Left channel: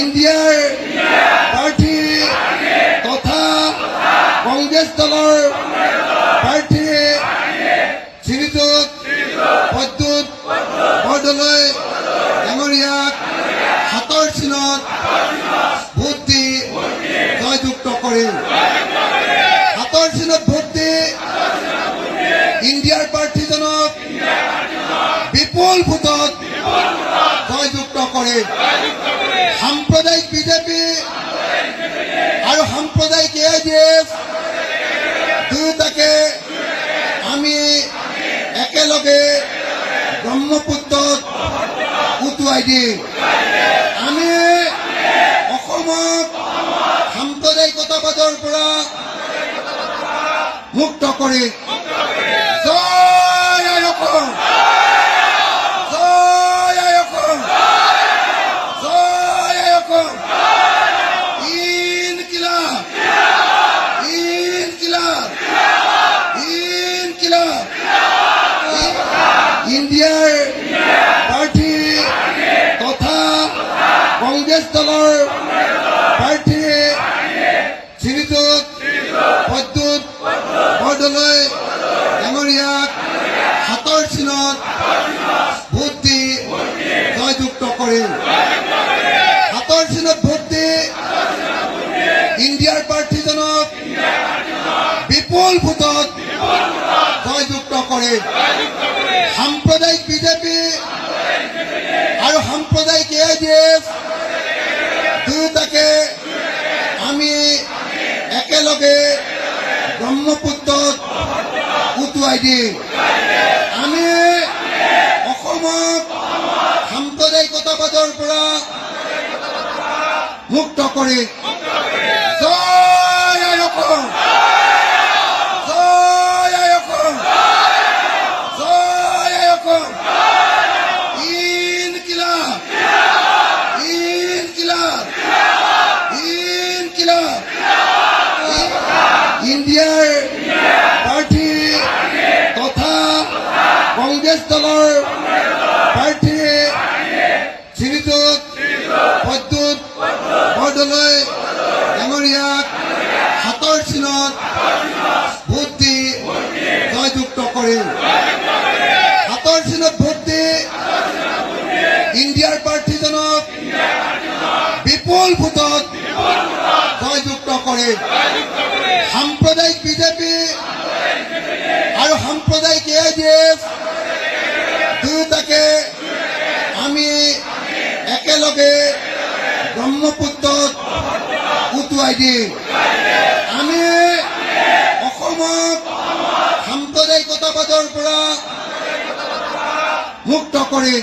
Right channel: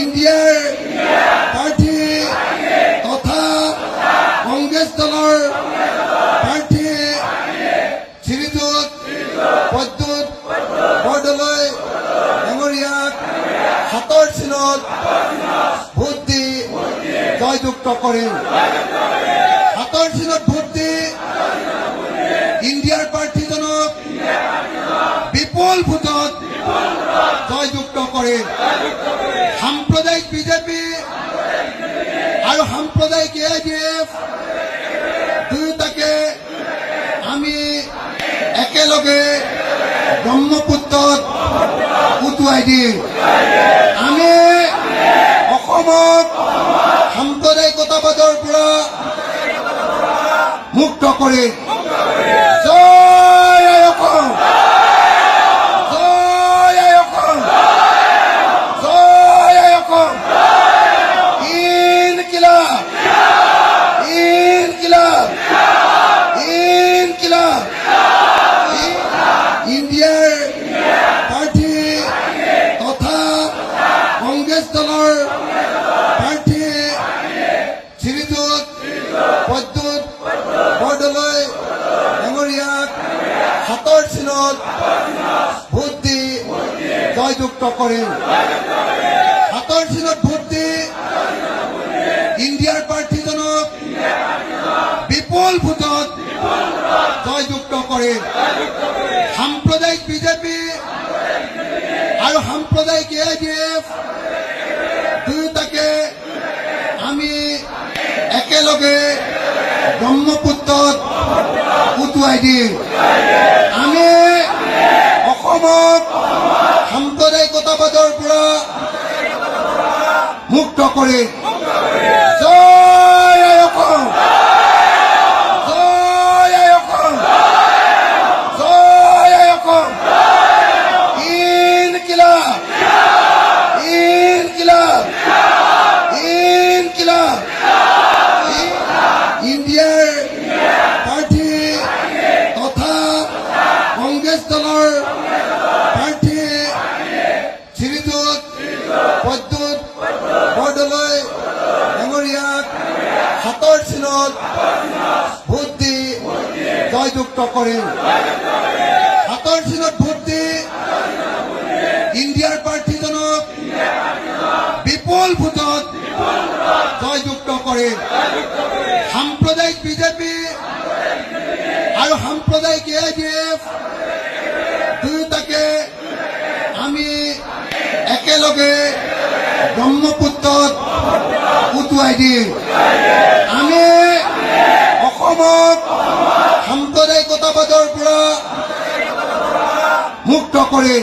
ইণ্ডিয়াৰ প্ৰাৰ্থী তথা কংগ্ৰেছ দলৰ প্ৰাৰ্থী শ্ৰীযুত প্ৰদ্যুৎ বৰদলৈ ডাঙৰীয়াক হাতৰ চিনত ভোট দি জয়যুক্ত কৰিম। হাতৰ চিনত ভোট দি ইণ্ডিয়াৰ প্ৰাৰ্থীজনক বিপুল ভোটত জয়যুক্ত কৰিম। সাম্প্ৰদায়িক বিজেপি আৰু সাম্প্ৰদায়িক AIDF দুয়োটাকে আমি একেলগে ব্ৰহ্মপুত্ৰত উটুৱাই দিম। আমি অসমক সাম্প্ৰদায়িকতাবাদৰ পৰা মুক্ত কৰিম। জয় অসম, জয় অসম, জয় অসম। ইনকিলাব, ইনকিলাব, ইনকিলাব। ইণ্ডিয়াৰ প্ৰাৰ্থী তথা কংগ্ৰেছ দলৰ প্ৰাৰ্থী শ্ৰীযুত প্ৰদ্যুৎ বৰদলৈ ডাঙৰীয়াক হাতৰ চিনত ভোট দি জয়যুক্ত কৰিম। হাতৰ চিনত ভোট দি ইণ্ডিয়াৰ প্ৰাৰ্থীজনক বিপুল ভোটত জয়যুক্ত কৰিম। সাম্প্ৰদায়িক বিজেপি আৰু সাম্প্ৰদায়িক AIDF দুয়োটাকে আমি একেলগে ব্ৰহ্মপুত্ৰত উটুৱাই দিম। আমি অসমক সাম্প্ৰদায়িকতাবাদৰ পৰা মুক্ত কৰিম। জয় অসম, জয় অসম, জয় অসম। ইনকিলাব, ইনকিলাব, ইনকিলাব। ইণ্ডিয়াৰ প্ৰাৰ্থী তথা কংগ্ৰেছ দলৰ প্ৰাৰ্থী শ্ৰীযুত প্ৰদ্যুৎ বৰদলৈ ডাঙৰীয়াক হাতৰ চিনত ভোট দি জয়যুক্ত কৰিম। হাতৰ চিনত ভোট দি ইণ্ডিয়াৰ প্ৰাৰ্থীজনক বিপুল ভোটত জয়যুক্ত কৰিম। সাম্প্ৰদায়িক বিজেপি আৰু সাম্প্ৰদায়িক AIDF দুয়োটাকে আমি একেলগে ব্ৰহ্মপুত্ৰত উটুৱাই দিম। আমি অসমক সাম্প্ৰদায়িকতাবাদৰ পৰা মুক্ত কৰিম।